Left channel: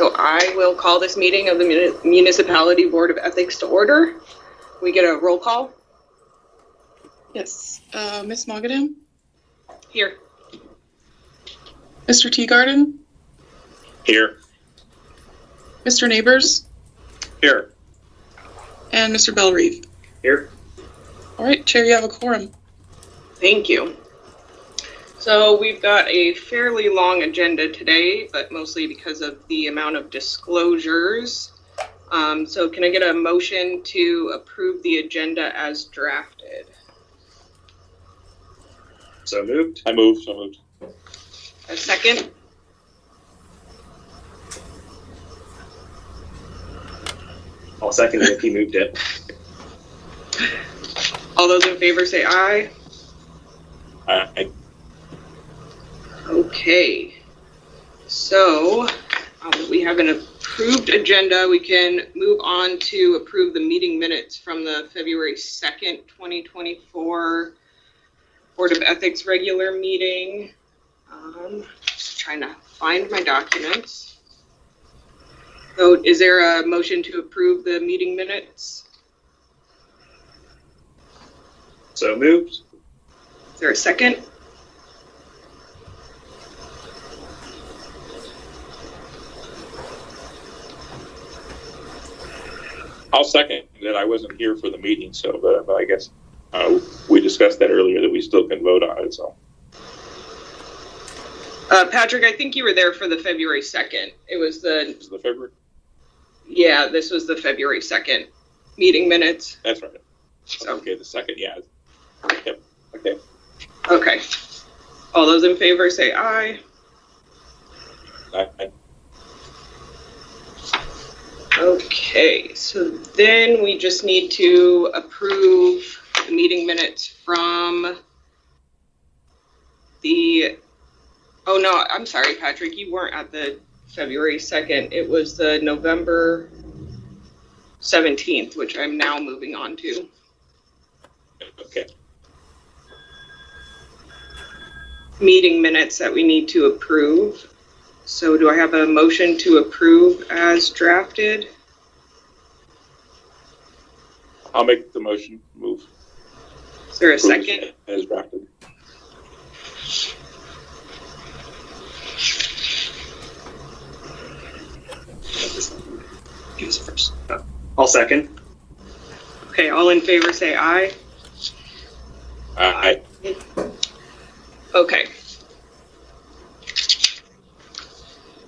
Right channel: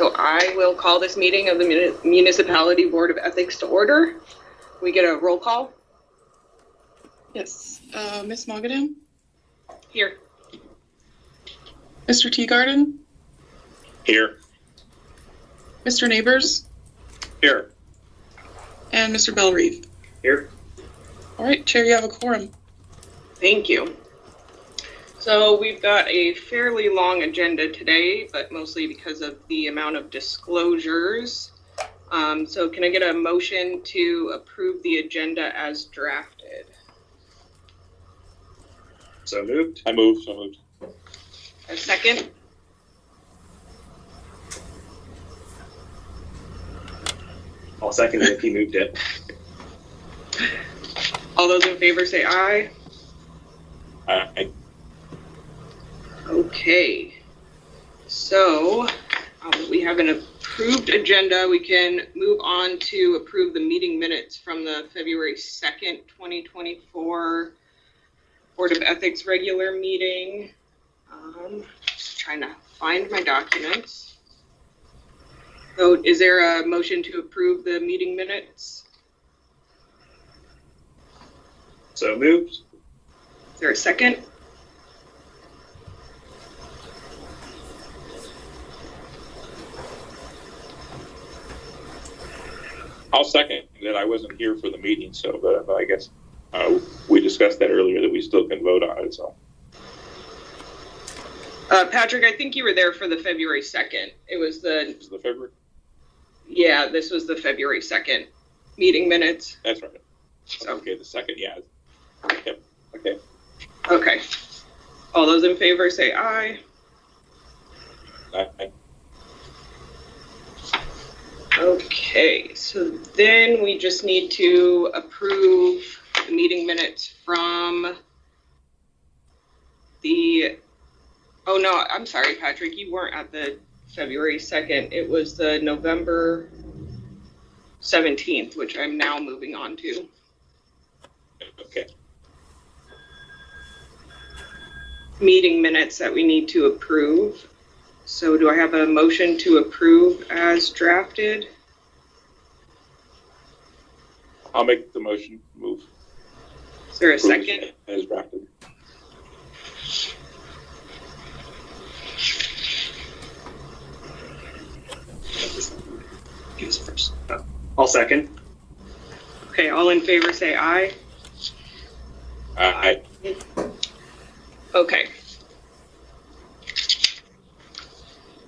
So I will call this meeting of the Municipality Board of Ethics to order. We get a roll call. Yes. Ms. Mogadam? Here. Mr. Teagarden? Here. Mr. Neighbors? Here. And Mr. Bellreeve? Here. All right, Chair, you have a quorum. Thank you. So we've got a fairly long agenda today, but mostly because of the amount of disclosures. So can I get a motion to approve the agenda as drafted? So moved. I move. So moved. A second? I'll second it if he moved it. All those in favor say aye. Aye. Okay. So we have an approved agenda. We can move on to approve the meeting minutes from the February 2nd, 2024 Board of Ethics regular meeting. Just trying to find my documents. So is there a motion to approve the meeting minutes? So moved. Is there a second? I'll second that. I wasn't here for the meeting, so but I guess we discussed that earlier that we still can vote on it. So, Patrick, I think you were there for the February 2nd. It was the February. Yeah, this was the February 2nd meeting minutes. That's right. So. Okay, the second, yeah. Yep. Okay. Okay. All those in favor say aye. Aye. Okay, so then we just need to approve the meeting minutes from the, oh no, I'm sorry, Patrick, you weren't at the February 2nd. It was the November 17th, which I'm now moving on to. Okay. Meeting minutes that we need to approve. So do I have a motion to approve as drafted? I'll make the motion. Move. Is there a second? As drafted. Give us a first. I'll second. Okay, all in favor say aye. Aye. Okay.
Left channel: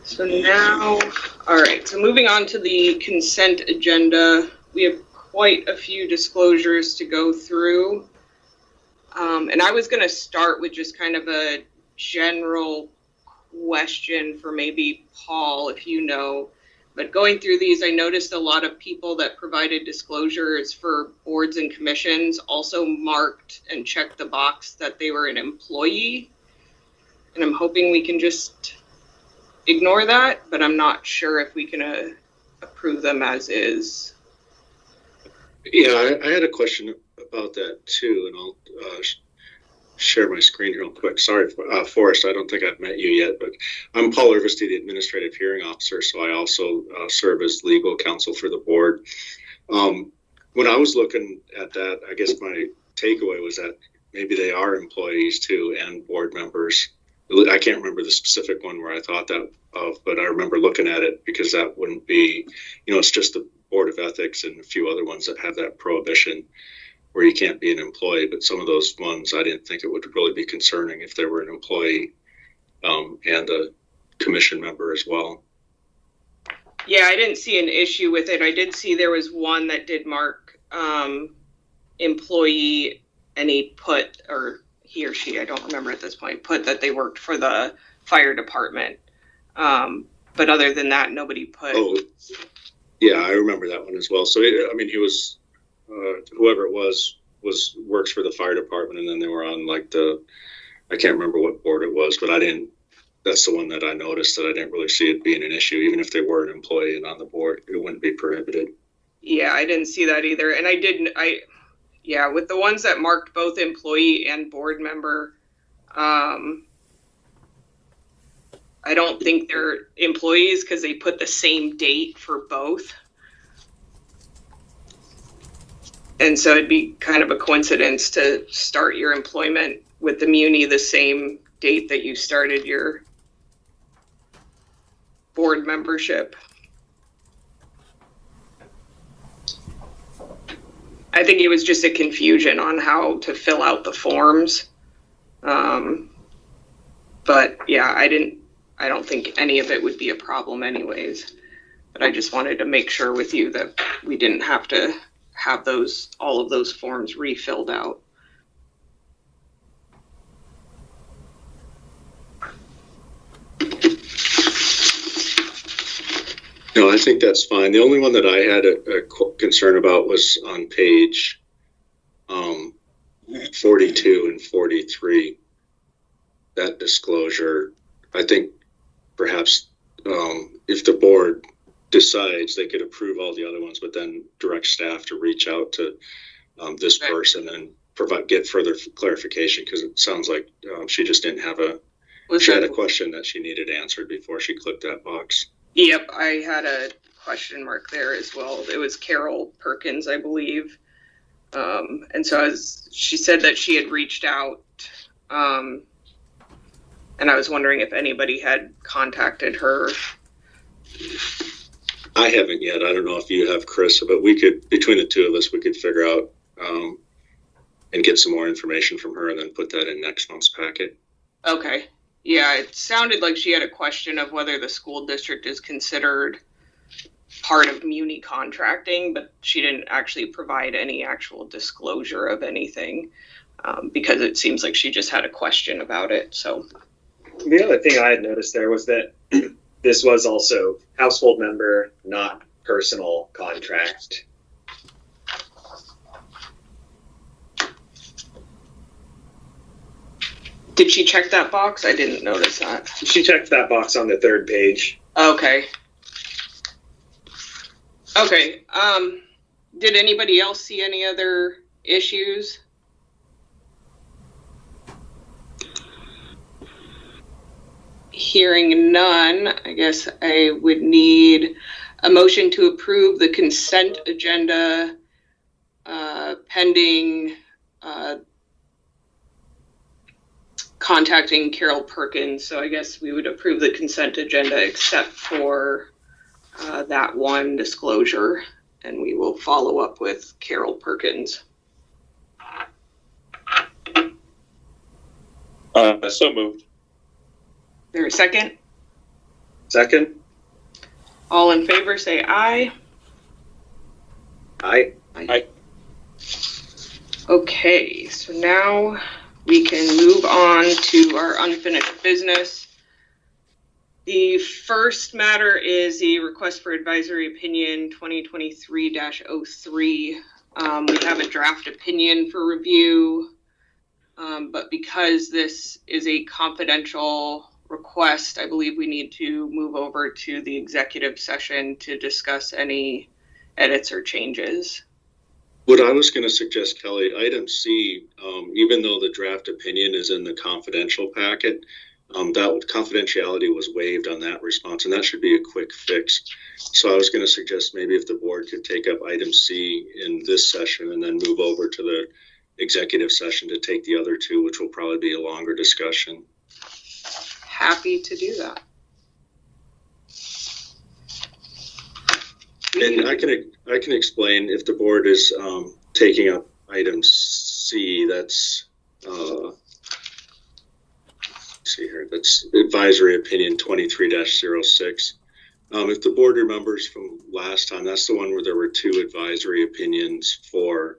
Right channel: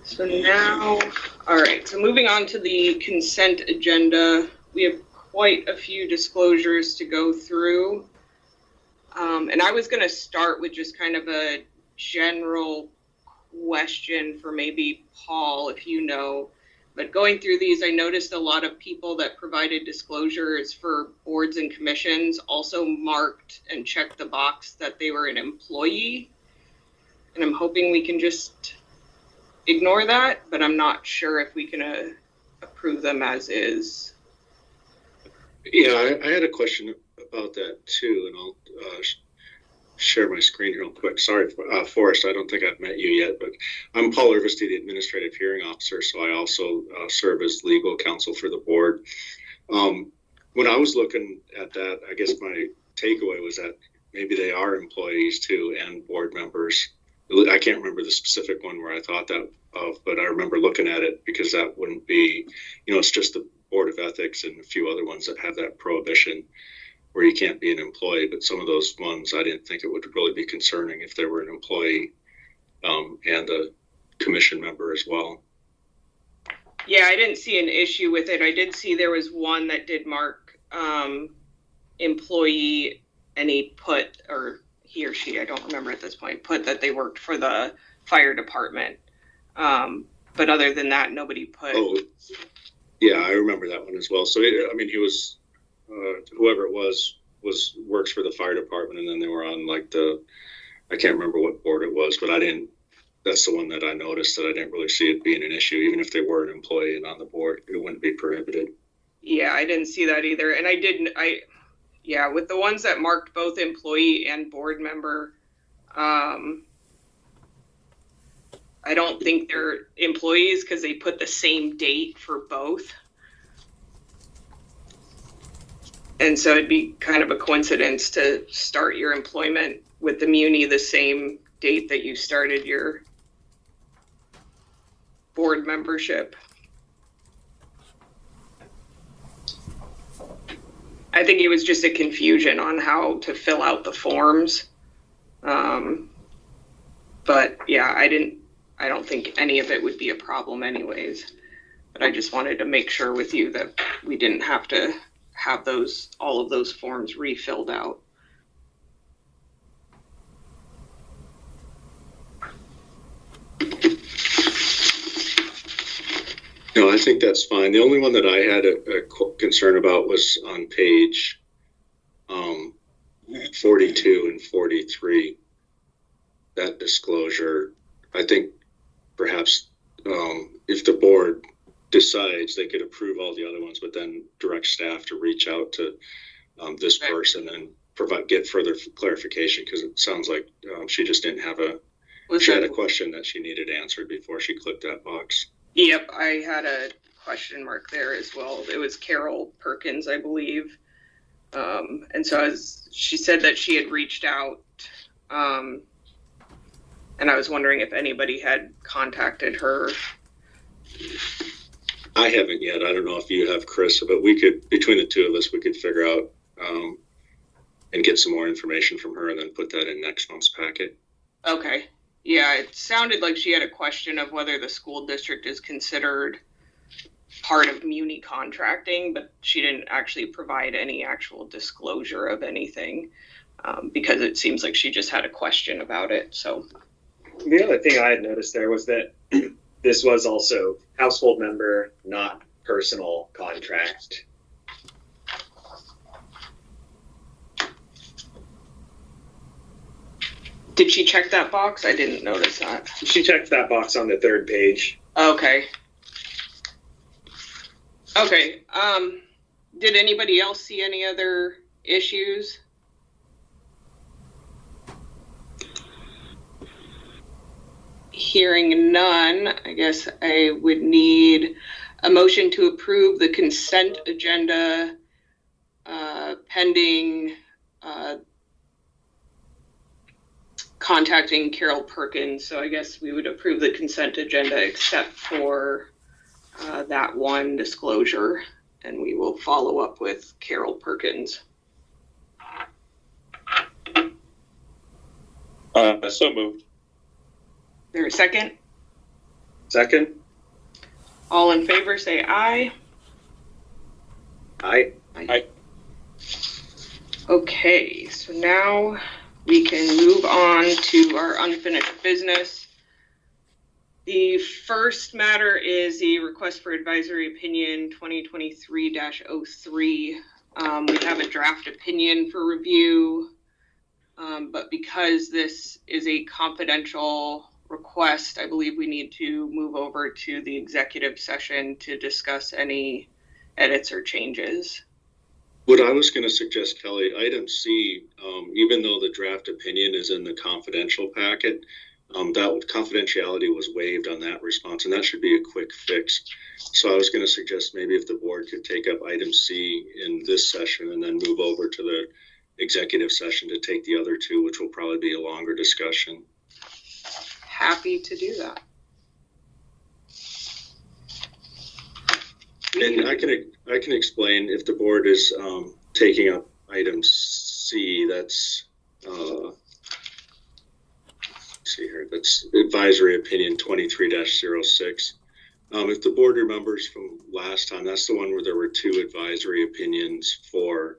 So now, all right, so moving on to the consent agenda, we have quite a few disclosures to go through. And I was going to start with just kind of a general question for maybe Paul, if you know. But going through these, I noticed a lot of people that provided disclosures for boards and commissions also marked and checked the box that they were an employee. And I'm hoping we can just ignore that, but I'm not sure if we can approve them as is. Yeah, I had a question about that too, and I'll share my screen real quick. Sorry, Forrest, I don't think I've met you yet, but I'm Paul Irvesty, the Administrative Hearing Officer, so I also serve as legal counsel for the board. When I was looking at that, I guess my takeaway was that maybe they are employees too and board members. I can't remember the specific one where I thought that of, but I remember looking at it because that wouldn't be, it's just the Board of Ethics and a few other ones that have that prohibition where you can't be an employee. But some of those ones, I didn't think it would really be concerning if they were an employee and a commission member as well. Yeah, I didn't see an issue with it. I did see there was one that did mark employee, and he put, or he or she, I don't remember at this point, put that they worked for the fire department. But other than that, nobody put. Oh, yeah, I remember that one as well. So, he was, whoever it was works for the fire department, and then they were on I can't remember what board it was, but that's the one that I noticed that I didn't really see it being an issue. Even if they were an employee and on the board, it wouldn't be prohibited. Yeah, I didn't see that either. And with the ones that marked both employee and board member, I don't think they're employees because they put the same date for both. And so it'd be kind of a coincidence to start your employment with the Muni the same date that you started your board membership. I think it was just a confusion on how to fill out the forms. But yeah, I don't think any of it would be a problem anyways. But I just wanted to make sure with you that we didn't have to have all of those forms refilled out. No, I think that's fine. The only one that I had a concern about was on page 42 and 43. That disclosure, I think perhaps if the board decides, they could approve all the other ones, but then direct staff to reach out to this person and get further clarification, because it sounds like she just didn't have she had a question that she needed answered before she clicked that box. Yep, I had a question mark there as well. It was Carol Perkins, I believe. And so she said that she had reached out, and I was wondering if anybody had contacted her. I haven't yet. I don't know if you have, Chris, but we could, between the two of us, we could figure out and get some more information from her and then put that in next month's packet. Okay. Yeah, it sounded like she had a question of whether the school district is considered part of Muni contracting, but she didn't actually provide any actual disclosure of anything because it seems like she just had a question about it. So The other thing I had noticed there was that this was also household member, not personal contract. did she check that box? I didn't notice that. She checked that box on the third page. Okay. Okay. Did anybody else see any other issues? Hearing none, I guess I would need a motion to approve the consent agenda pending contacting Carol Perkins. So I guess we would approve the consent agenda except for that one disclosure, and we will follow up with Carol Perkins. So moved. There a second? Second? All in favor, say aye. Aye. Aye. Okay, so now we can move on to our unfinished business. The first matter is the request for advisory opinion 2023-03. We have a draft opinion for review, but because this is a confidential request, I believe we need to move over to the executive session to discuss any edits or changes. What I was going to suggest, Kelly, item C, even though the draft opinion is in the confidential packet, that confidentiality was waived on that response, and that should be a quick fix. So I was going to suggest maybe if the board could take up item C in this session and then move over to the executive session to take the other two, which will probably be a longer discussion. Happy to do that. And I can explain if the board is taking up item C. That's let's see here. That's advisory opinion 23-06. If the board remembers from last time, that's the one where there were two advisory opinions for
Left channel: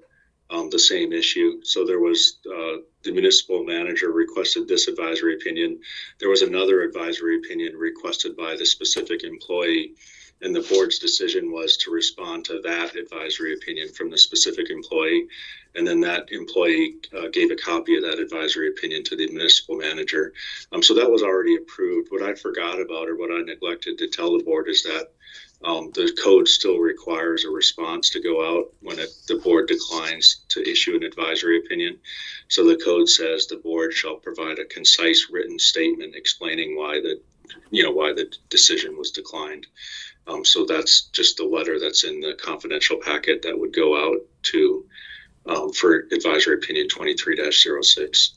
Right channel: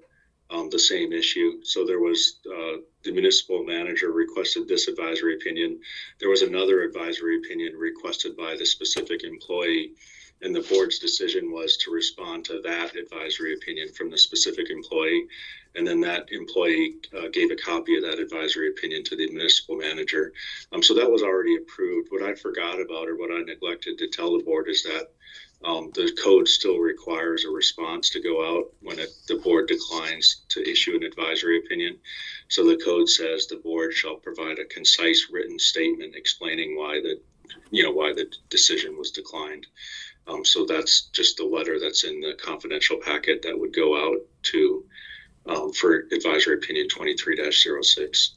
the same issue. So there was the municipal manager requested this advisory opinion. There was another advisory opinion requested by the specific employee. And the board's decision was to respond to that advisory opinion from the specific employee. And then that employee gave a copy of that advisory opinion to the municipal manager. So that was already approved. What I forgot about or what I neglected to tell the board is that the code still requires a response to go out when the board declines to issue an advisory opinion. So the code says the board shall provide a concise written statement explaining why the why the decision was declined. So that's just the letter that's in the confidential packet that would go out to for advisory opinion 23-06.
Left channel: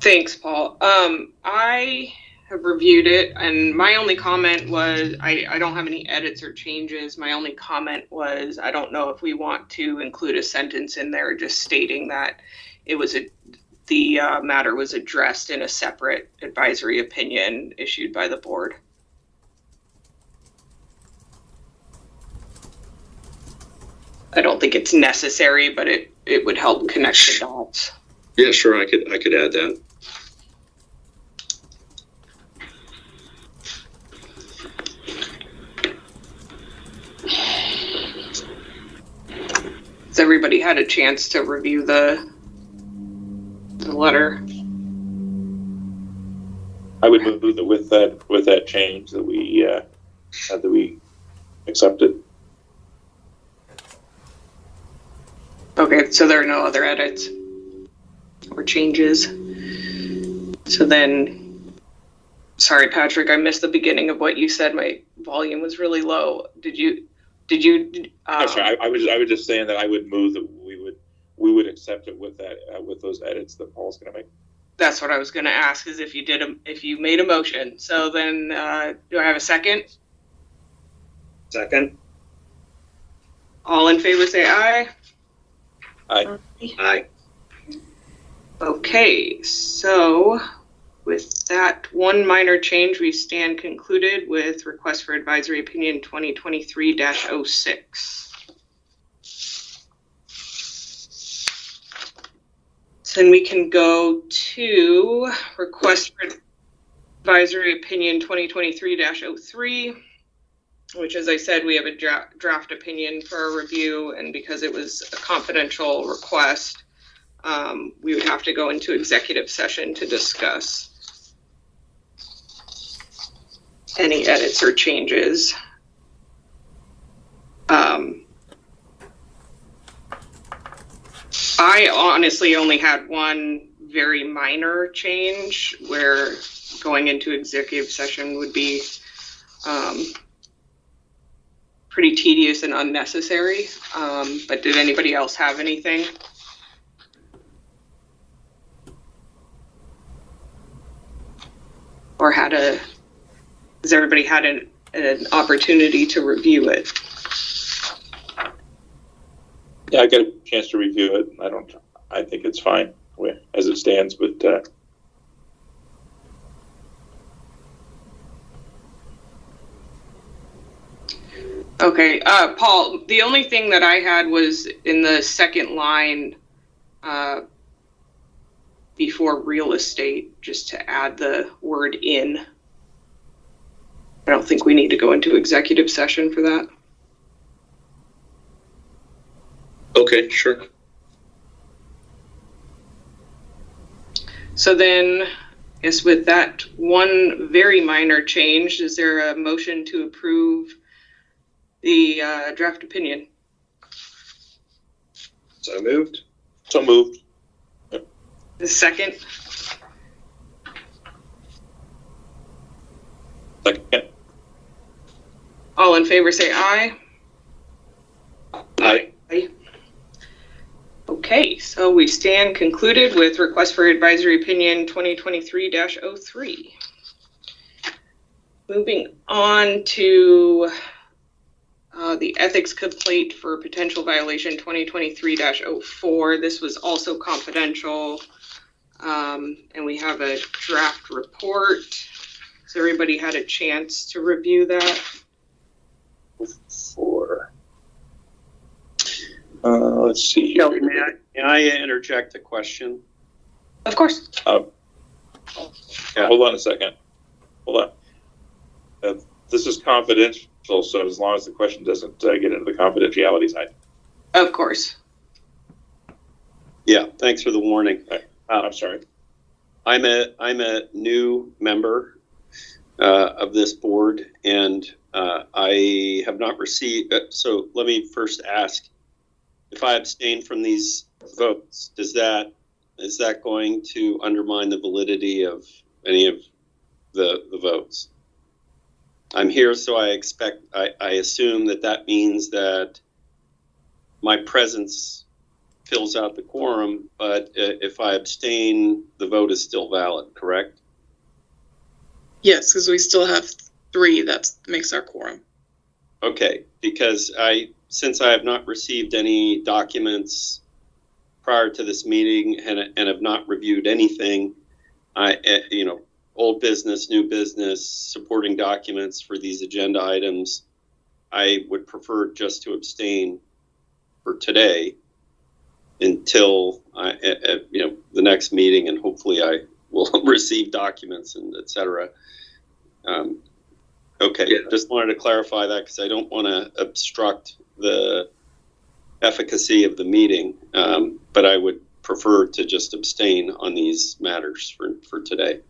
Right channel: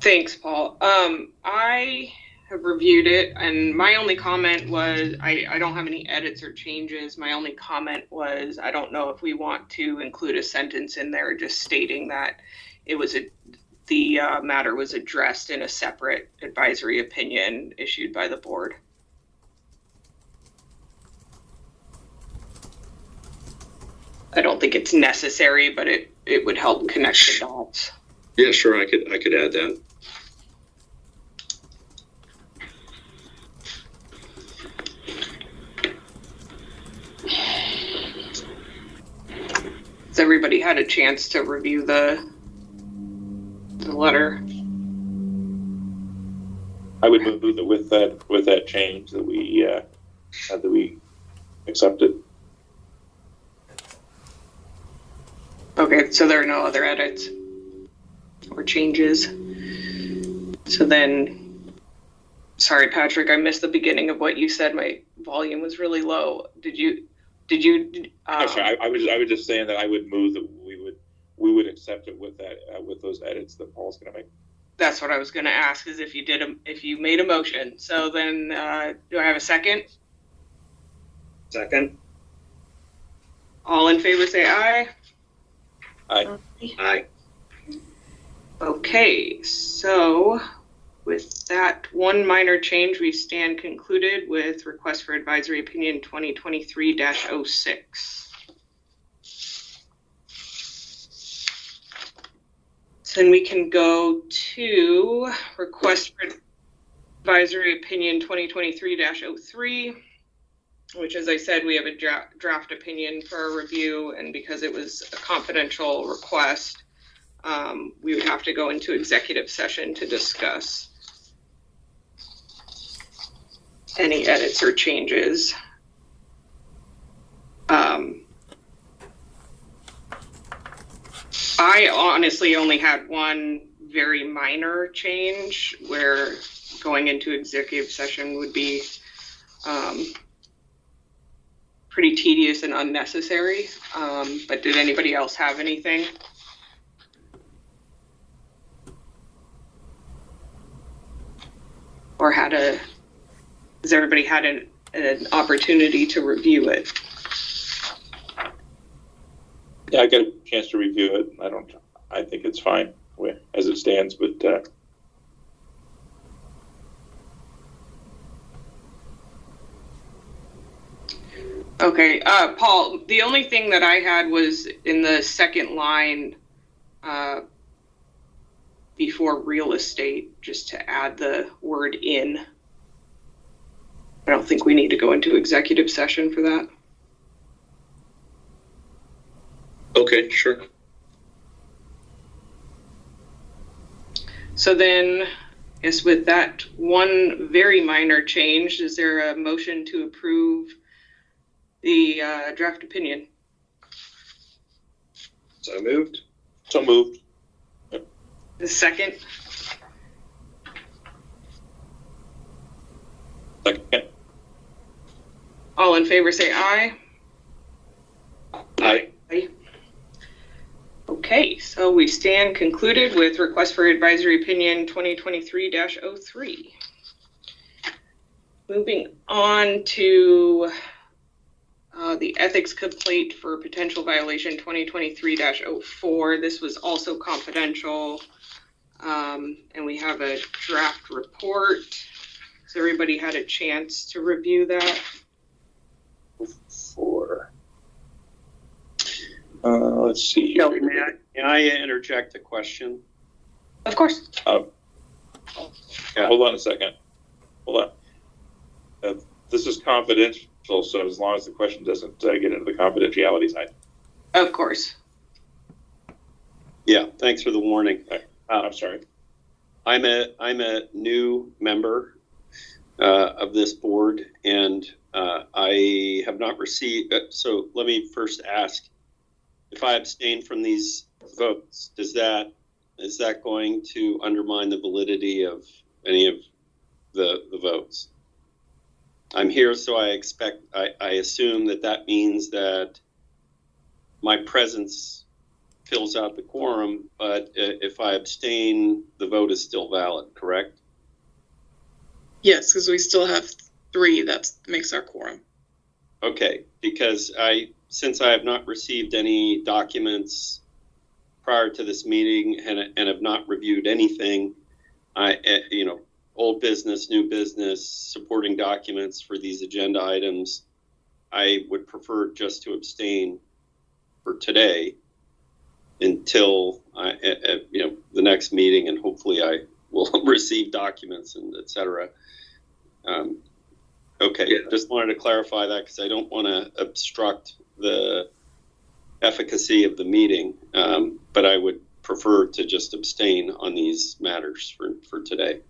Thanks, Paul. I have reviewed it, and my only comment was I don't have any edits or changes. My only comment was I don't know if we want to include a sentence in there just stating that it was the matter was addressed in a separate advisory opinion issued by the board. I don't think it's necessary, but it would help connect the dots. Yeah, sure. I could add that. Has everybody had a chance to review the letter? I would move that with that change that we accept it. Okay, so there are no other edits or changes. So then, sorry, Patrick, I missed the beginning of what you said. My volume was really low. Did you? I'm sorry. I was just saying that I would move that we would accept it with that with those edits that Paul's going to make. That's what I was going to ask, is if you made a motion. So then, do I have a second? Second. All in favor, say aye. Aye. Aye. Okay, so with that one minor change, we stand concluded with request for advisory opinion 2023-06. So then we can go to request for advisory opinion 2023-03, which, as I said, we have a draft opinion for our review, and because it was a confidential request, we would have to go into executive session to discuss any edits or changes. I honestly only had one very minor change where going into executive session would be pretty tedious and unnecessary. But did anybody else have anything? Or has everybody had an opportunity to review it? Yeah, I got a chance to review it. I think it's fine as it stands, but Okay, Paul, the only thing that I had was in the second line before real estate, just to add the word in. I don't think we need to go into executive session for that. Okay, sure. So then, I guess with that one very minor change, is there a motion to approve the draft opinion? So moved. so moved. The second? Second. All in favor say aye. Aye. Aye. Okay, so we stand concluded with request for advisory opinion 2023-03. Moving on to the ethics complaint for potential violation 2023-04. This was also confidential, and we have a draft report. So everybody had a chance to review that. Let's see. Kelly, may I interject a question? Of course. Hold on a second. Hold on. This is confidential, so as long as the question doesn't get into the confidentiality side. Of course. Yeah, thanks for the warning. I'm sorry. I'm a new member of this board, and I have not received. So let me first ask: if I abstain from these votes, does that is that going to undermine the validity of any of the votes? I'm here, so I assume that means that my presence fills out the quorum, but if I abstain, the vote is still valid, correct? Yes, because we still have 3. That makes our quorum. Okay, because since I have not received any documents prior to this meeting and have not reviewed anything, old business, new business, supporting documents for these agenda items, I would prefer just to abstain for today until the next meeting, and hopefully I will receive documents and et cetera. Okay, Yeah. Just wanted to clarify that because I don't want to obstruct the efficacy of the meeting, but I would prefer to just abstain on these matters for today.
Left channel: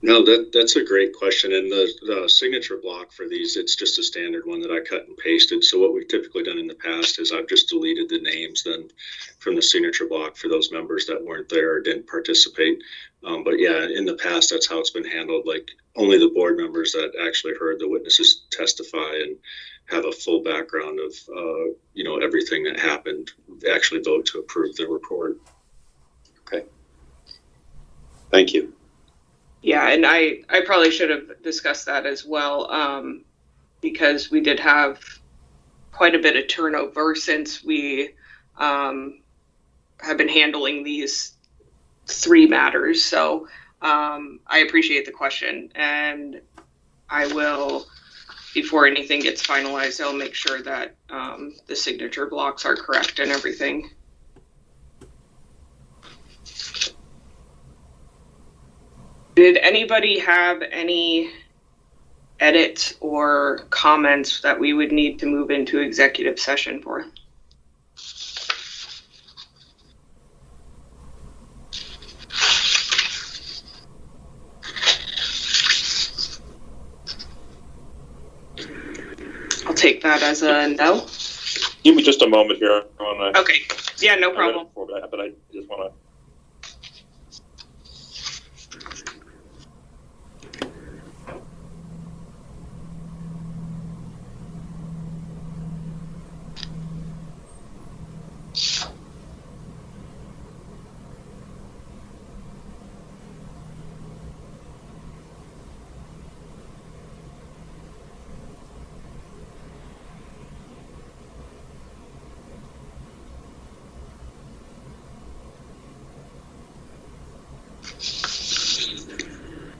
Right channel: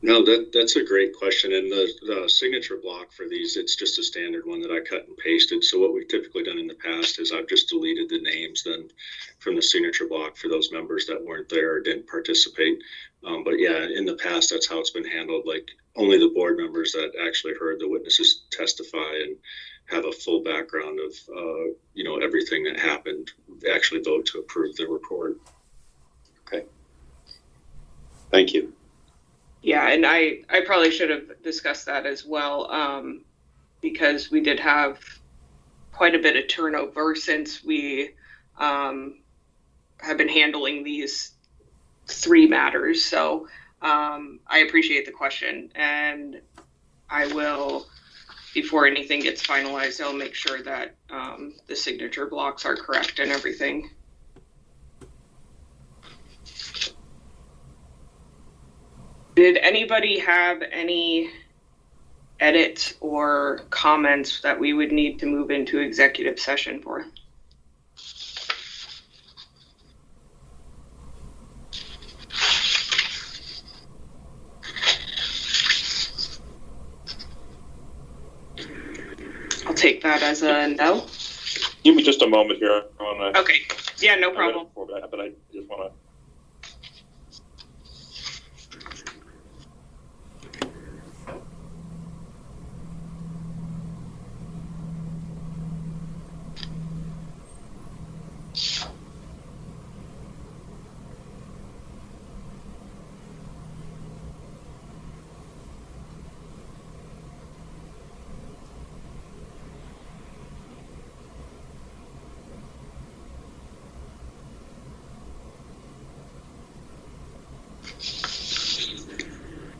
No, that's a great question. And the signature block for these, it's just a standard one that I cut and pasted. So what we've typically done in the past is I've just deleted the names then from the signature block for those members that weren't there or didn't participate. But yeah, in the past, that's how it's been handled. Like only the board members that actually heard the witnesses testify and have a full background of, everything that happened actually vote to approve the report. Okay. Thank you. Yeah, and I probably should have discussed that as well, because we did have quite a bit of turnover since we have been handling these 3 matters. So I appreciate the question, and I will, before anything gets finalized, I'll make sure that the signature blocks are correct and everything. Did anybody have any edits or comments that we would need to move into executive session for? I'll take that as a no. Give me just a moment here. I wanna, Okay. Yeah, no problem. But I just want to.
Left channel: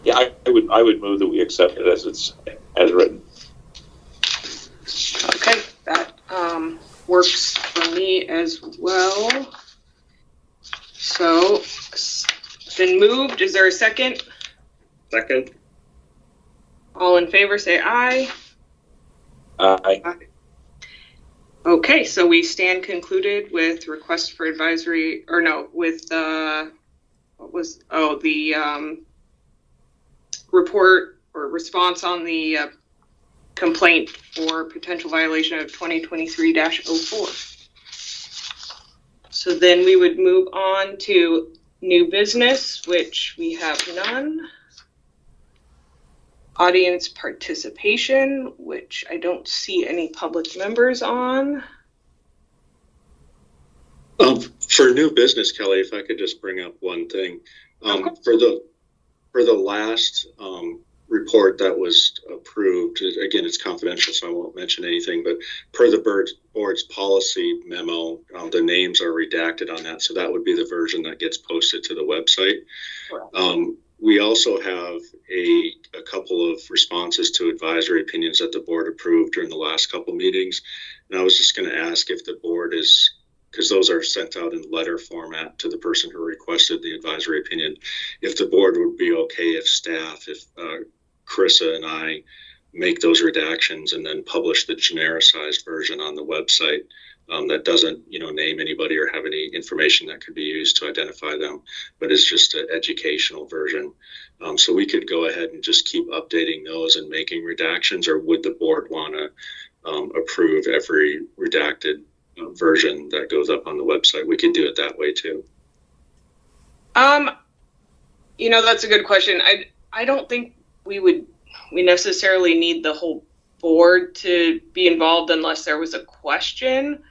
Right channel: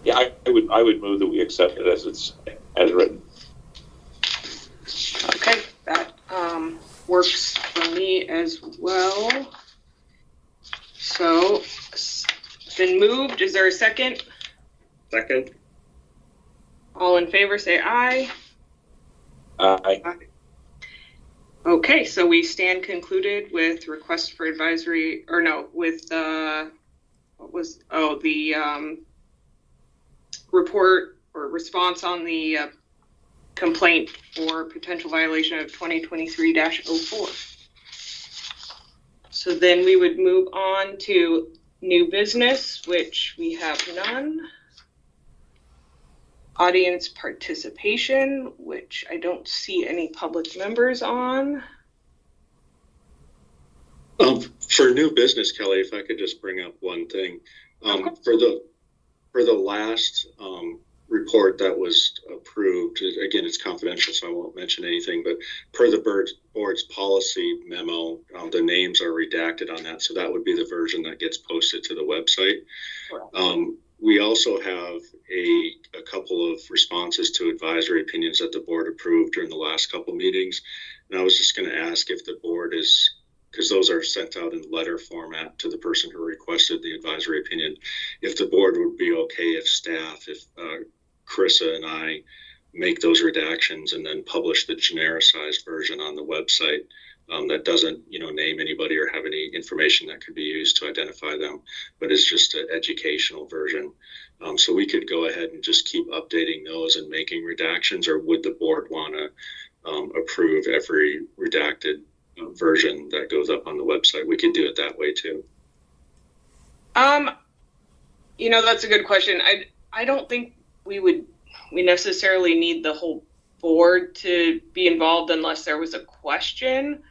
Yeah, I would move that we accept it as written. Okay, that works for me as well. So, it's been moved. Is there a second? Second. All in favor, say aye. Aye. Okay, so we stand concluded with request for advisory, or no, with the report or response on the complaint for potential violation of 2023-04. So then we would move on to new business, which we have none. Audience participation, which I don't see any public members on. For new business, Kelly, if I could just bring up one thing. For the last report that was approved, again, it's confidential, so I won't mention anything, but per the board's policy memo, the names are redacted on that, so that would be the version that gets posted to the website. We also have a couple of responses to advisory opinions that the board approved during the last couple meetings, and I was just going to ask if the board is, because those are sent out in letter format to the person who requested the advisory opinion, if the board would be okay if staff, if Carissa and I make those redactions and then publish the genericized version on the website that doesn't, name anybody or have any information that could be used to identify them, but it's just an educational version. So we could go ahead and just keep updating those and making redactions, or would the board want to approve every redacted version that goes up on the website? We could do it that way too. That's a good question. I don't think we necessarily need the whole board to be involved unless there was a question.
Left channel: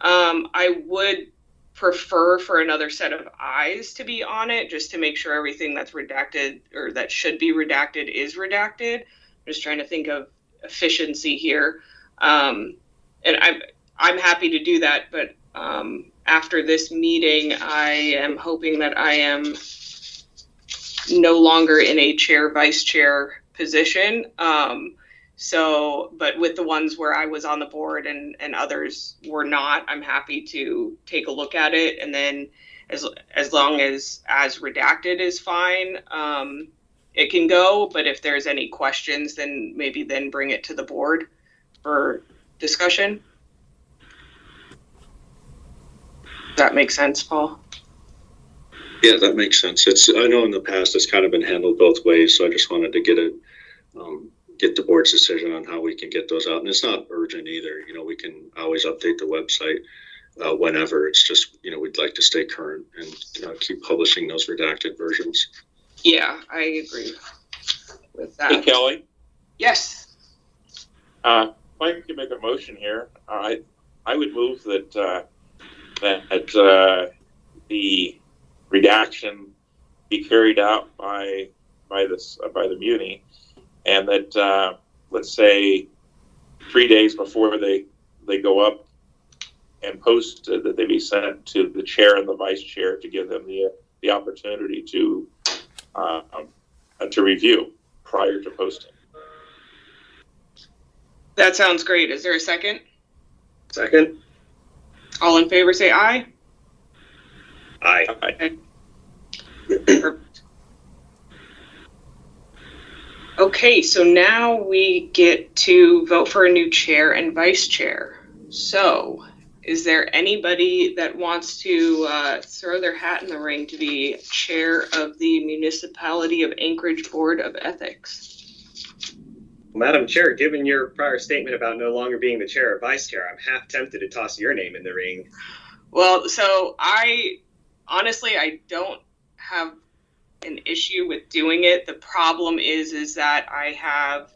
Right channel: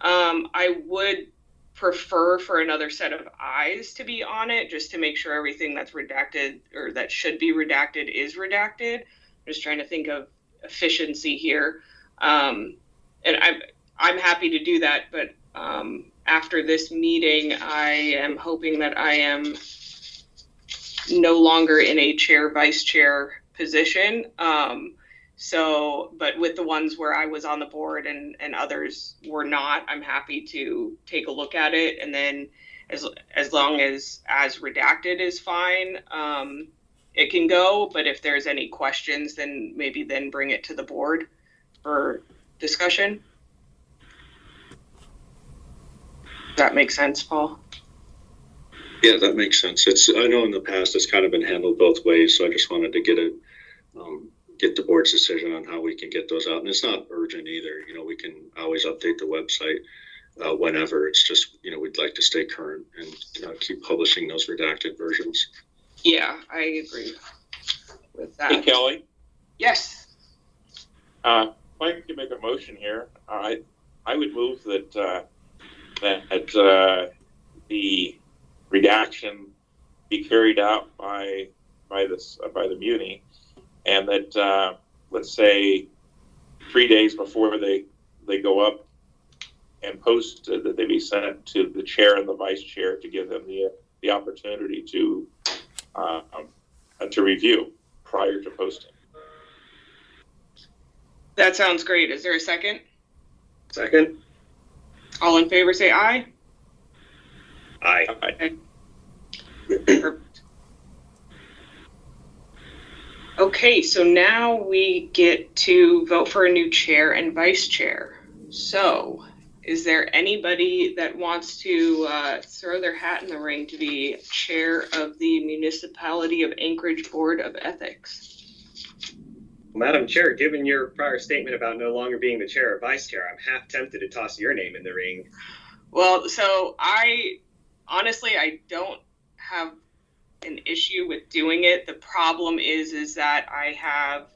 I would prefer for another set of eyes to be on it, just to make sure everything that's redacted or that should be redacted is redacted. I'm just trying to think of efficiency here. And I'm happy to do that, but after this meeting, I am hoping that I am no longer in a chair, vice chair position. But with the ones where I was on the board and others were not, I'm happy to take a look at it. And then as long as redacted is fine, it can go. But if there's any questions, then maybe then bring it to the board for discussion. Does that make sense, Paul? Yeah, that makes sense. I know in the past it's kind of been handled both ways, so I just wanted to get the board's decision on how we can get those out. And it's not urgent either. We can always update the website whenever. It's just, we'd like to stay current and keep publishing those redacted versions. Yeah, I agree with that. Hey, Kelly, Yes. if I could make a motion here, I would move that the redaction be carried out by the Muni, and that let's say 3 days before they go up and post, that they be sent to the chair and the vice chair to give them the opportunity to review prior to posting. That sounds great. Is there a second? Second? All in favor say aye. Aye. Perfect. Okay, so now we get to vote for a new chair and vice chair. So, is there anybody that wants to throw their hat in the ring to be chair of the Municipality of Anchorage Board of Ethics? Madam Chair, given your prior statement about no longer being the chair or vice chair, I'm half tempted to toss your name in the ring. Well, so I don't have an issue with doing it. The problem is that I have,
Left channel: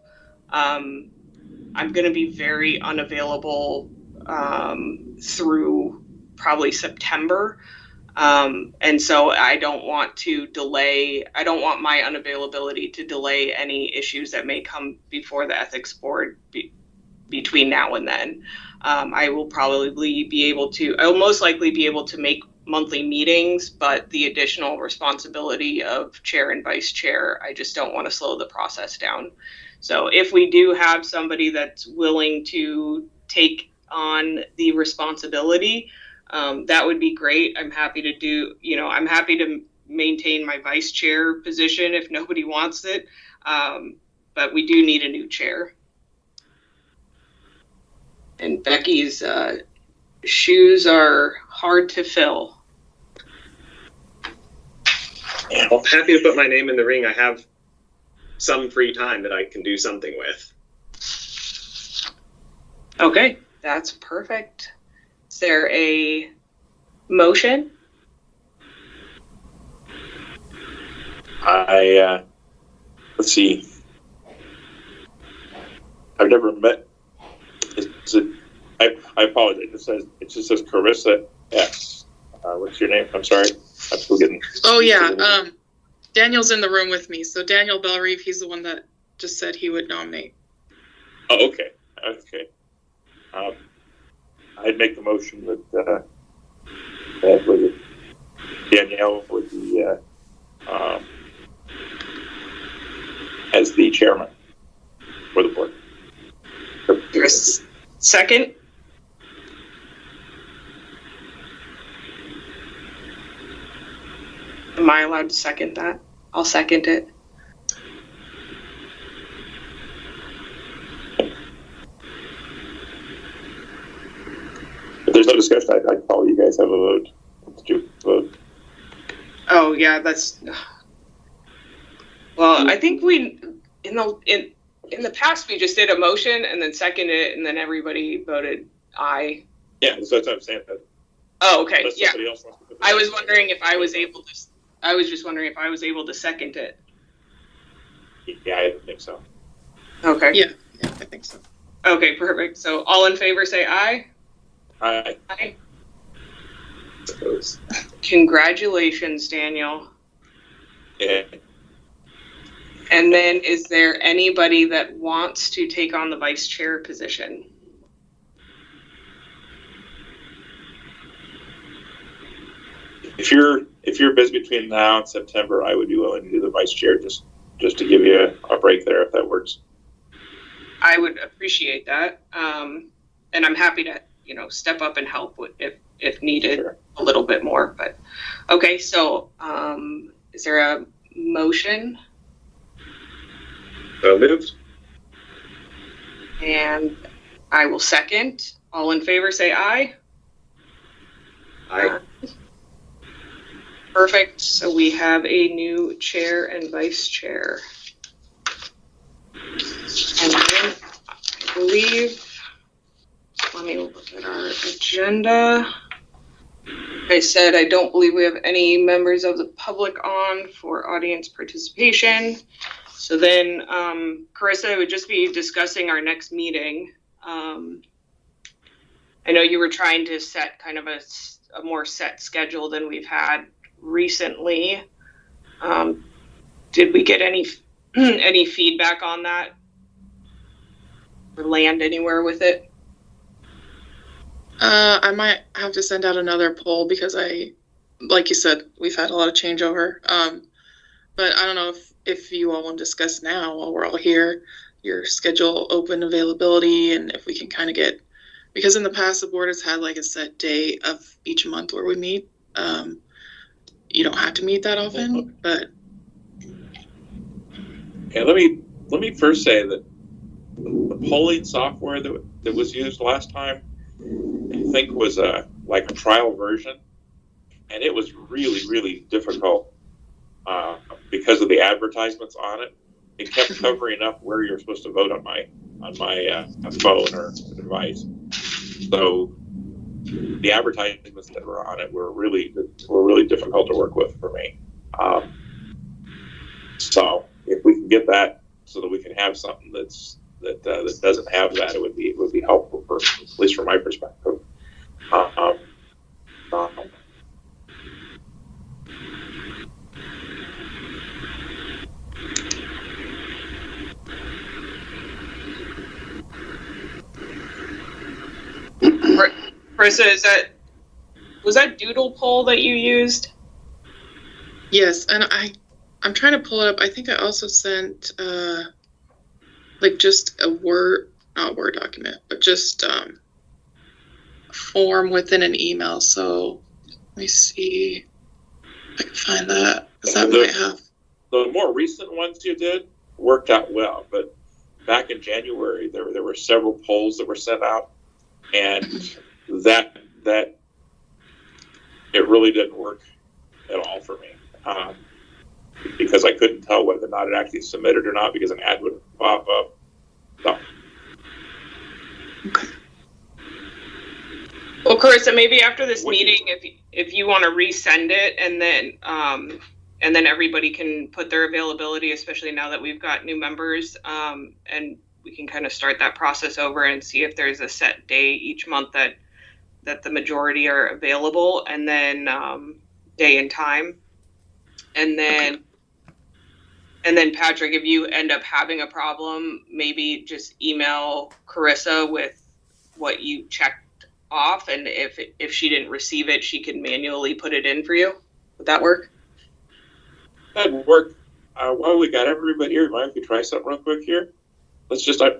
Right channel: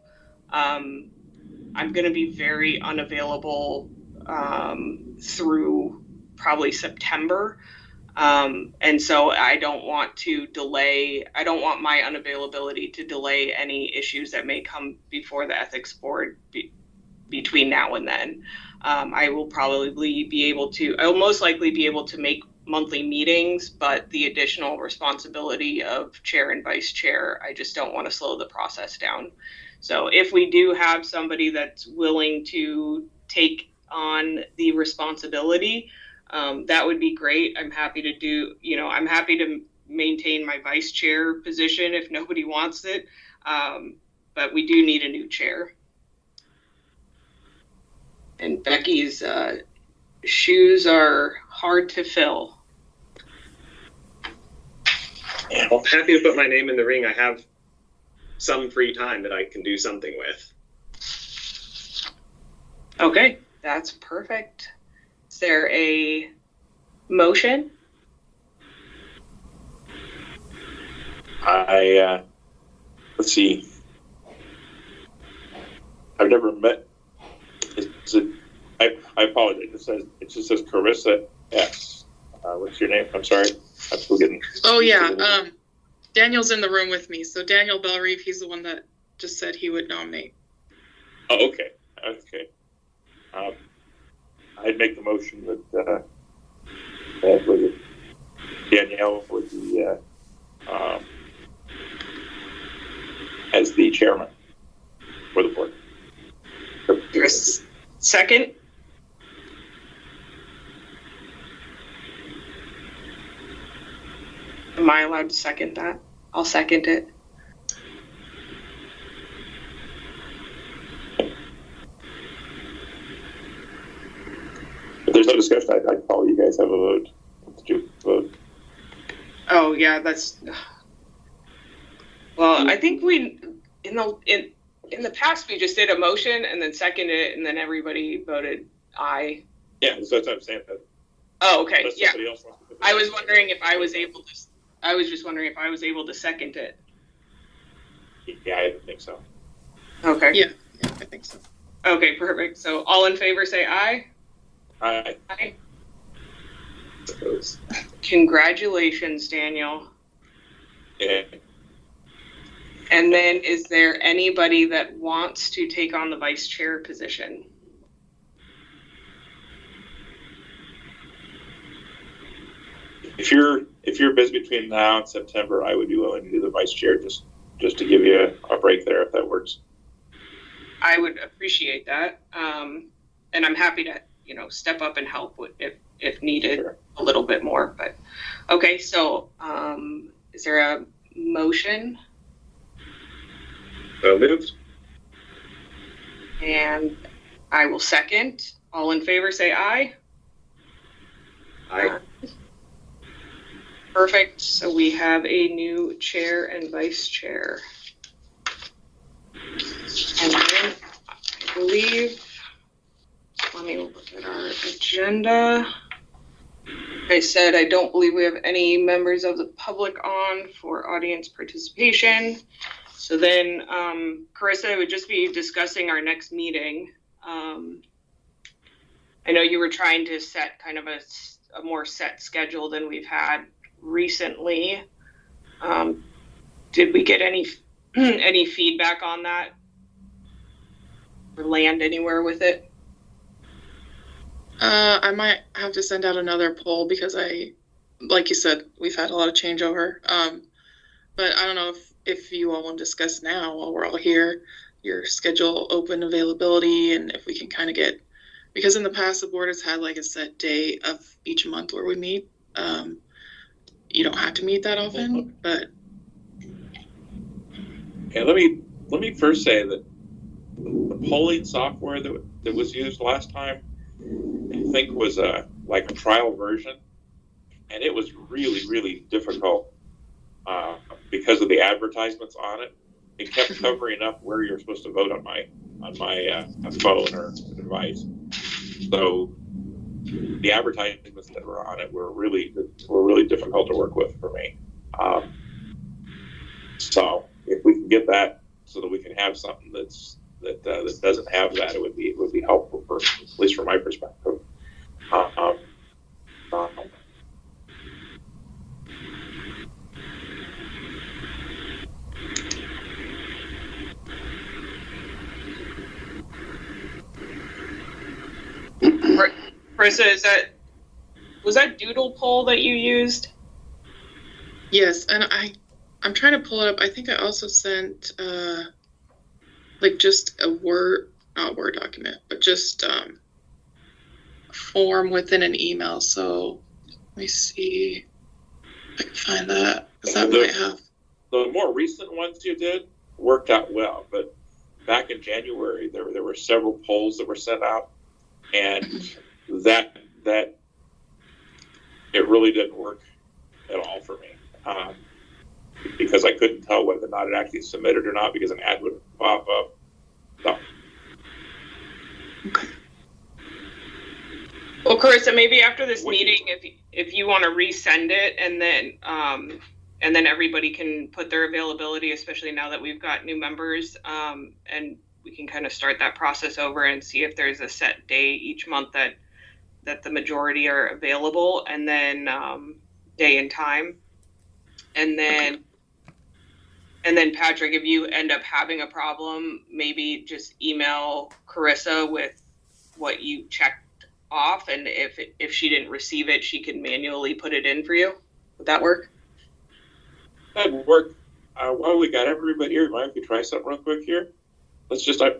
I'm going to be very unavailable through probably September. And so I don't want my unavailability to delay any issues that may come before the ethics board between now and then. I will most likely be able to make monthly meetings, but the additional responsibility of chair and vice chair, I just don't want to slow the process down. So if we do have somebody that's willing to take on the responsibility, that would be great. I'm happy to maintain my vice chair position if nobody wants it. But we do need a new chair. And Becky's shoes are hard to fill. Well, happy to put my name in the ring. I have some free time that I can do something with. Okay, that's perfect. Is there a motion? Let's see. I've never met. I apologize. It just says Carissa X. What's your name? I'm sorry. I'm still getting. Oh yeah, Daniel's in the room with me. So Daniel Bellerive, he's the one that just said he would nominate. Oh, okay. I'd make the motion that Danielle would be as the chairman for the board. Chris, second. Am I allowed to second that? I'll second it. If there's no discussion, I'd call you guys have a vote. Did you vote? Oh yeah, that's. Well, I think we in the past we just did a motion and then seconded it and then everybody voted aye. Yeah, so that's what I'm saying. Oh, okay. Unless Yeah. somebody else wants to put the I was motion. wondering if I was able to I was just wondering if I was able to second it. Yeah, I think so. Okay. Yeah, I think so. Okay, perfect. So all in favor say aye. I Aye. Congratulations, Daniel. yeah. And then is there anybody that wants to take on the vice chair position? If you're busy between now and September, I would be willing to do the vice chair just to give you a break there if that works. I would appreciate that. And I'm happy to, step up and help if needed Sure. a little bit more. But okay, so is there a motion? So moved. And I will second. All in favor say aye. Aye. Perfect. So we have a new chair and vice chair. And then I believe, let me look at our agenda. I said I don't believe we have any members of the public on for audience participation. So then, Carissa, it would just be discussing our next meeting. I know you were trying to set kind of a more set schedule than we've had recently. Did we get any feedback on that or land anywhere with it? I might have to send out another poll because like you said, we've had a lot of changeover. But I don't know if you all want to discuss now while we're all here, your schedule, open availability, and if we can kind of get, because in the past the board has had like a set day of each month where we meet. You don't have to meet that often, but Okay, let me first say that the polling software that was used last time, I think was like a trial version, and it was really, really difficult because of the advertisements on it. It kept covering up where you're supposed to vote on my phone or device. So the advertisements that were on it were really difficult to work with for me. So if we can get that so that we can have something that doesn't have that, it would be helpful for, at least from my perspective. Carissa, was that doodle poll that you used? yes, and I'm trying to pull it up. I think I also sent like just a not Word document, but just a form within an email. So let me see if I can find that, because that might have. The more recent ones you did worked out well, but back in January there were several polls that were sent out, and that it really didn't work at all for me, because I couldn't tell whether or not it actually submitted or not because an ad would pop up. So. Okay. Well, Carissa, maybe after this meeting, if you want to resend it, and then everybody can put their availability, especially now that we've got new members, and we can kind of start that process over and see if there's a set day each month that the majority are available, and then day and time, and then Patrick, if you end up having a problem, maybe just email Carissa with what you checked off, and if she didn't receive it, she can manually put it in for you. Would that work? That would work. While we got everybody here, mind if we try something real quick here? Let's just in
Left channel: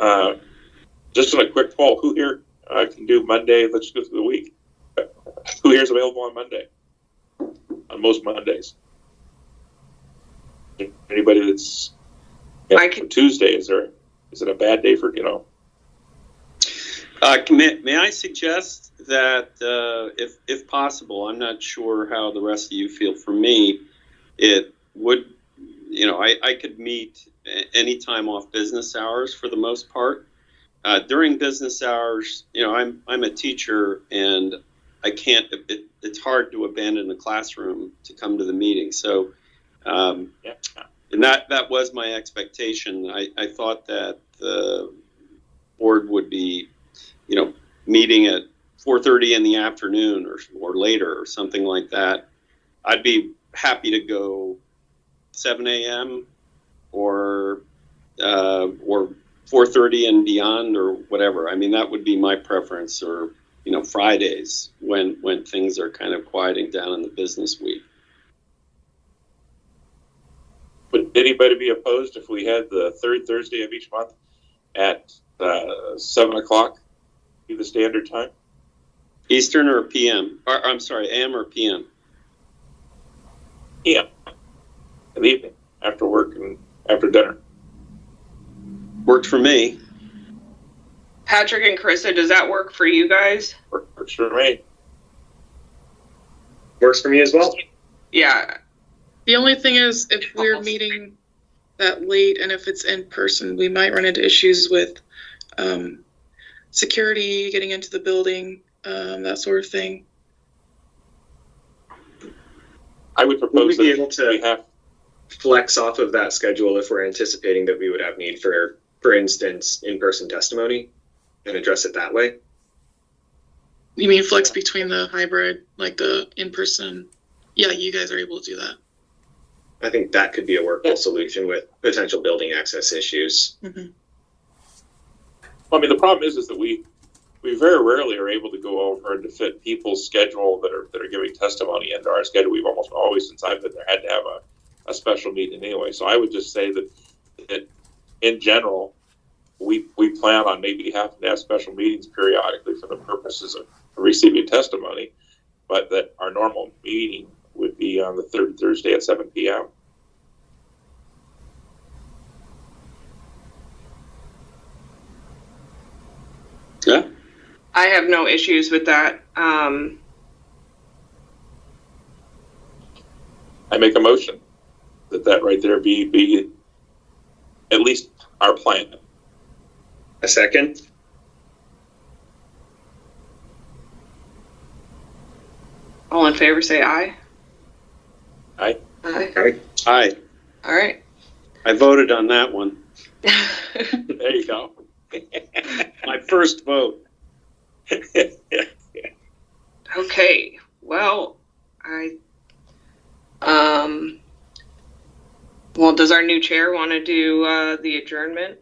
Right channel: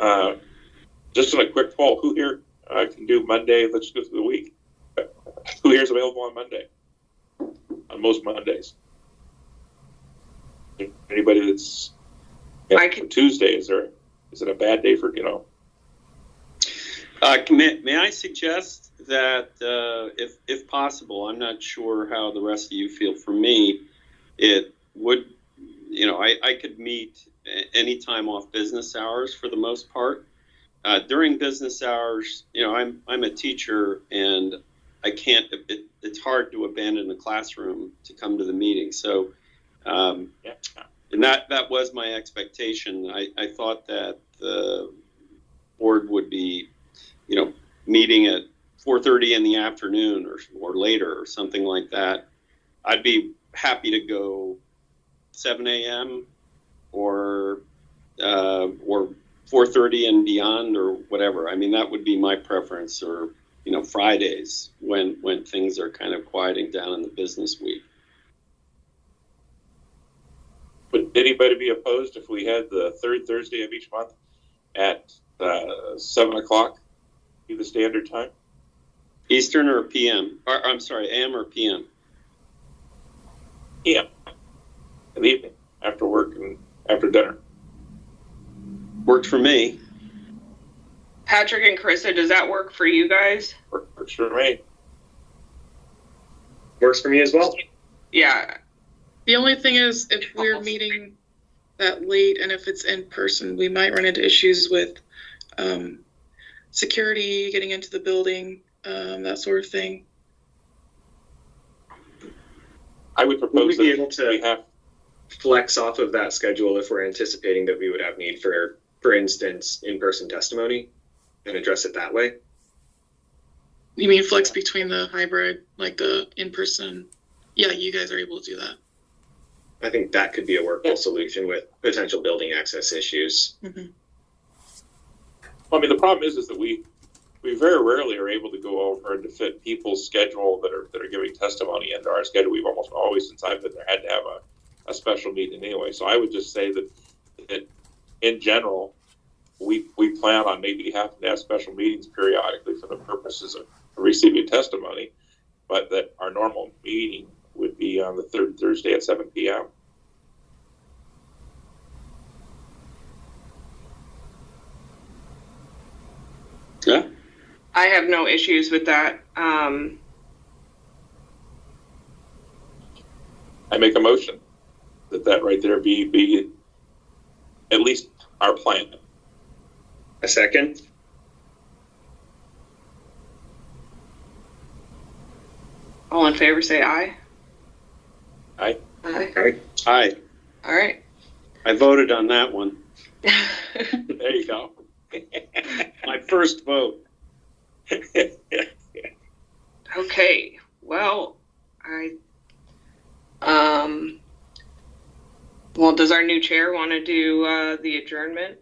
a quick poll, who here can do Monday? Let's go through the week. Who here is available on Monday? On most Mondays. Anybody that's I can. Tuesday? Is it a bad day for May I suggest that if possible, I'm not sure how the rest of you feel. For me, it would, I could meet any time off business hours for the most part. During business hours, I'm a teacher, and I can't, it's hard to abandon the classroom to come to the meeting. So, and that was my expectation. I thought that the board would be, meeting at 4:30 in the afternoon or later or something like that. I'd be happy to go 7 a.m. or 4:30 and beyond or whatever. I mean, that would be my preference, or Fridays when things are kind of quieting down in the business week. Would anybody be opposed if we had the third Thursday of each month at 7 o'clock, be the standard time? Eastern or PM? Or, I'm sorry, AM or PM? Yeah, in the evening, after work and after dinner. Worked for me. Patrick and Carissa, does that work for you guys? Works for me. Works for me as well. Yeah. The only thing is, if we're meeting that late and if it's in person, we might run into issues with security, getting into the building, that sort of thing. I would Would propose we be that able to we have, flex off of that schedule if we're anticipating that we would have need for instance, in-person testimony, and address it that way? You mean flex between the hybrid, like the in-person? Yeah, you guys are able to do that. I think that could be a workable solution with potential building access issues. Mm-hmm. I mean, the problem is that we very rarely are able to go over and to fit people's schedule that are giving testimony into our schedule. We've almost always, since I've been there, had to have a special meeting anyway. So I would just say that in general, we plan on maybe having to have special meetings periodically for the purposes of receiving testimony, but that our normal meeting would be on the third Thursday at 7 p.m. Yeah. I have no issues with that. I make a motion that right there be at least our plan. A second? All in favor, say aye. Aye. Aye. All right. Aye. All right. I voted on that one. There you go. My first vote. Okay. Well, well, does our new chair want to do the adjournment?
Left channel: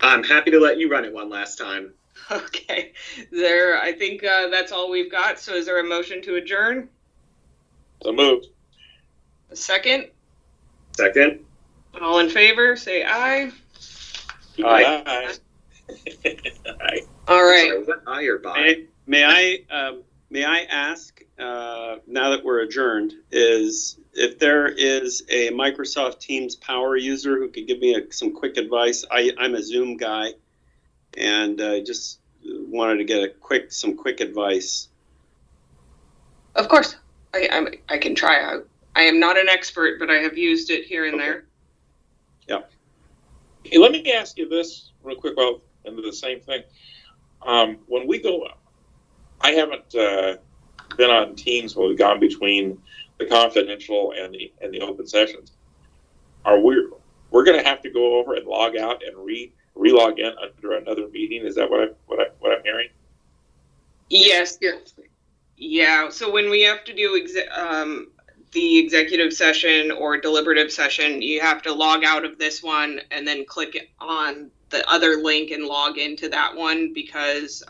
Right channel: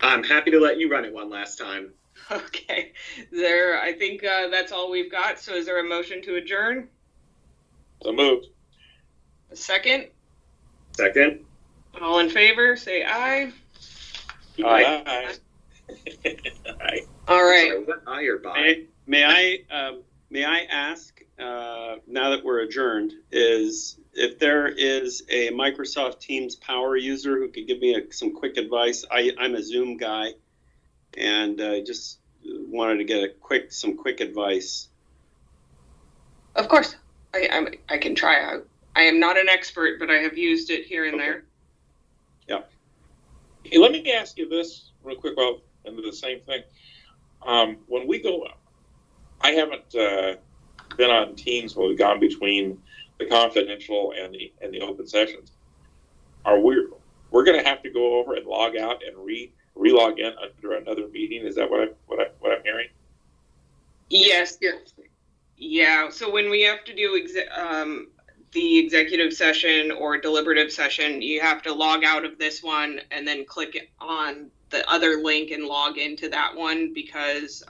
I'm happy to let you run it one last time. Okay. I think that's all we've got. So is there a motion to adjourn? So moved. A second? Second? All in favor, say aye. Aye. Aye. All right. Sorry, was that aye or bye? May I ask, now that we're adjourned, is if there is a Microsoft Teams power user who could give me some quick advice? I'm a Zoom guy, and I just wanted to get some quick advice. Of course. I can try. I am not an expert, but I have used it here and there. Yeah. Hey, let me ask you this real quick. Well, into the same thing. When we go, I haven't been on Teams when we've gone between the confidential and the open sessions. We're going to have to go over and log out and re-log in under another meeting? Is that what I'm hearing? Yes. Yeah. So when we have to do the executive session or deliberative session, you have to log out of this one and then click on the other link and log into that one because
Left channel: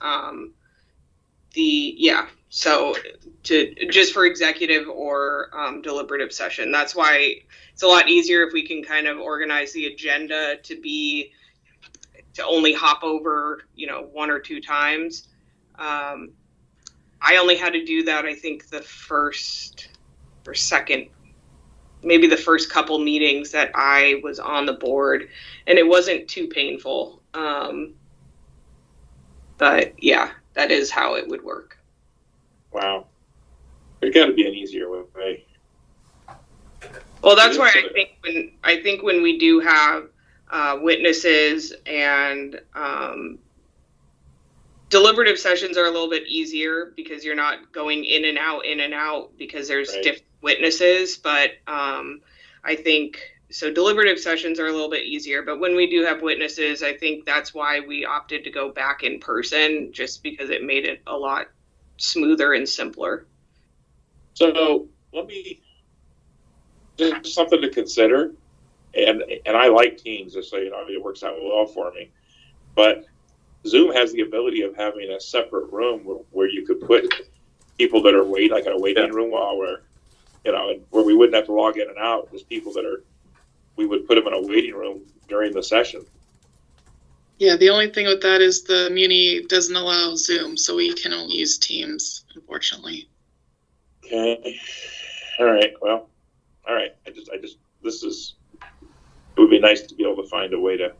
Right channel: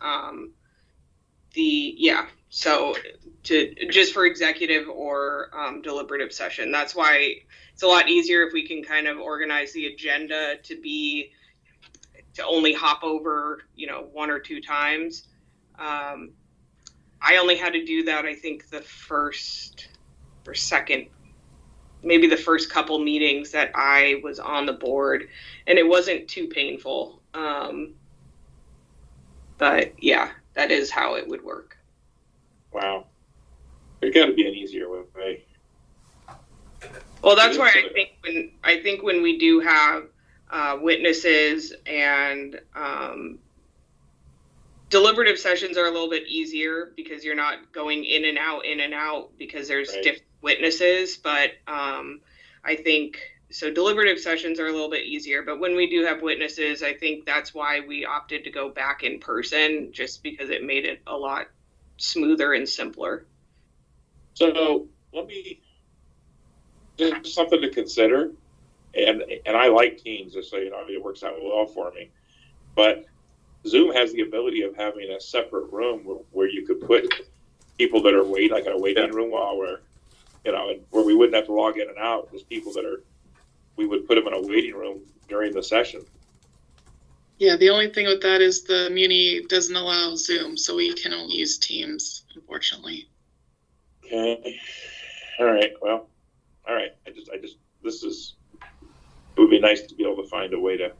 so just for executive or deliberative session. That's why it's a lot easier if we can kind of organize the agenda to only hop over, one or two times. I only had to do that, I think, the first or second, maybe the first couple meetings that I was on the board, and it wasn't too painful. But yeah, that is how it would work. Wow. There's got to be an easier way. Well, that's why I think when we do have witnesses and deliberative sessions are a little bit easier because you're not going in and out because there's Right. different witnesses. But I think so. Deliberative sessions are a little bit easier, but when we do have witnesses, I think that's why we opted to go back in person, just because it made it a lot smoother and simpler. So let me, just something to consider, and I like Teams, just so you know, it works out well for me. But Zoom has the ability of having a separate room where you could put people that are like in a waiting room while we're, where we wouldn't have to log in and out. There's people that we would put them in a waiting room during the session. Yeah, the only thing with that is the Muni doesn't allow Zoom, so we can only use Teams, unfortunately. Okay. All right. Well, all right. it would be nice to be able to find a way to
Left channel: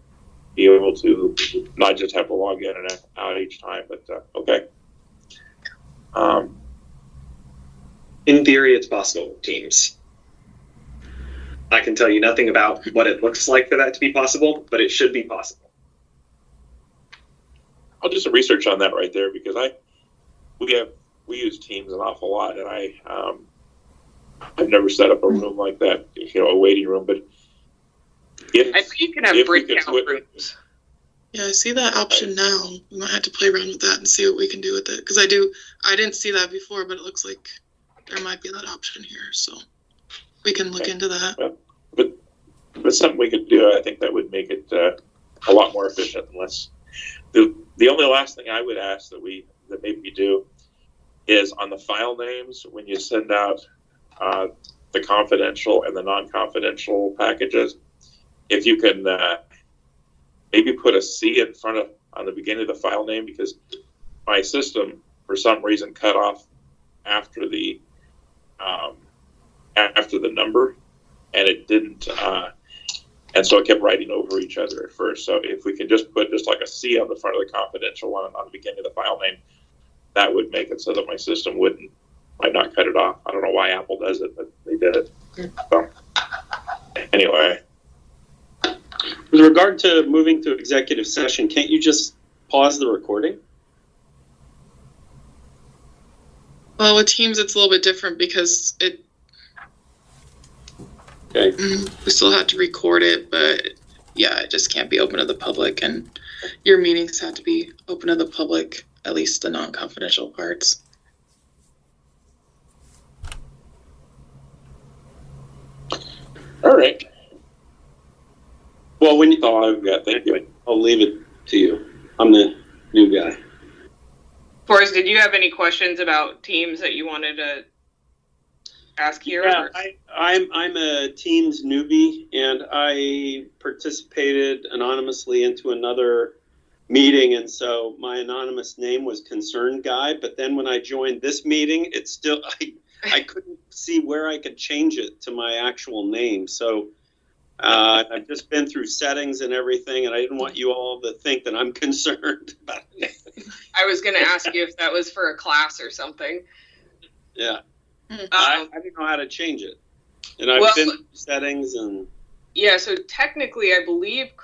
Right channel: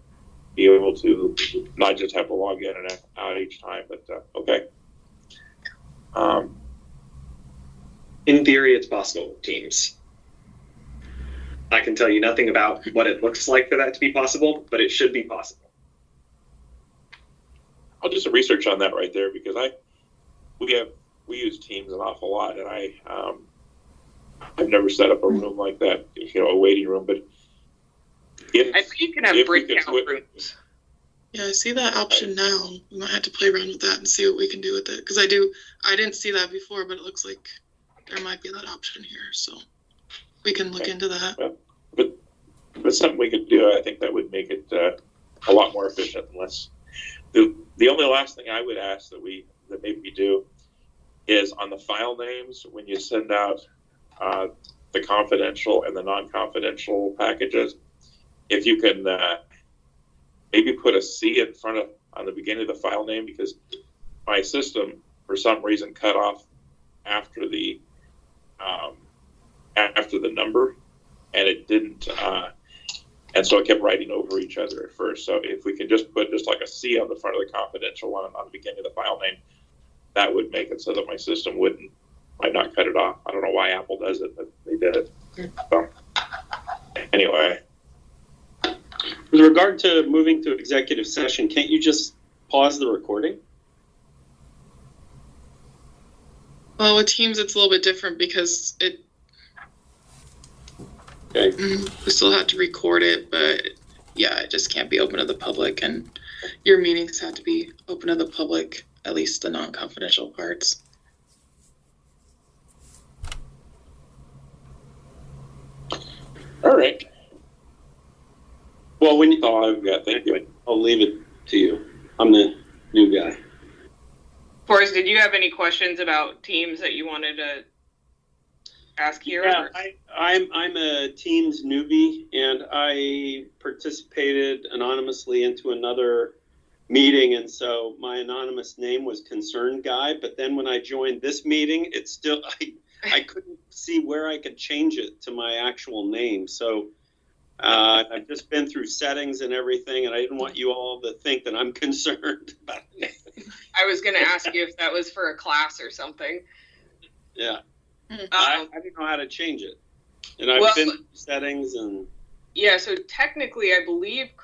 be able to not just have to log in and out each time, but okay. In theory, it's possible, Teams. I can tell you nothing about what it looks like for that to be possible, but it should be possible. I'll do some research on that right there, because we use Teams an awful lot, and I've never set up a room like that, a waiting room. But I think you can have breakout rooms. Yeah, I see that option now. We might have to play around with that and see what we can do with it. Because I didn't see that before, but it looks like there might be that option here. So we can look into that. Well, but something we could do, I think that would make it a lot more efficient. Unless the only last thing I would ask that maybe we do is on the file names, when you send out the confidential and the non-confidential packages, if you can maybe put a C in front on the beginning of the file name, because my system for some reason cut off after the number, and it didn't, and so it kept writing over each other at first. So if we can just put like a C on the front of the confidential one on the beginning of the file name, that would make it so that my system might not cut it off. I don't know why Apple does it, but they did it. So anyway. With regard to moving to executive session, can't you just pause the recording? Well, with Teams, it's a little bit different because Okay. we still have to record it, but yeah, it just can't be open to the public, and your meetings have to be open to the public, at least the non-confidential parts. All right. Well, That's all I've got. Thank you. I'll leave it to you. I'm the new guy. Forrest, did you have any questions about Teams that you wanted to ask here? Yeah, I'm a Teams newbie, and I participated anonymously into another meeting, and so my anonymous name was Concerned Guy. But then when I joined this meeting, it's still I couldn't see where I could change it to my actual name. So I've just been through settings and everything, and I didn't want you all to think that I'm concerned about it. I was going to ask you if that was for a class or something. Yeah. I didn't know how to change it. And I've Well, been through settings and... Yeah, so technically, I believe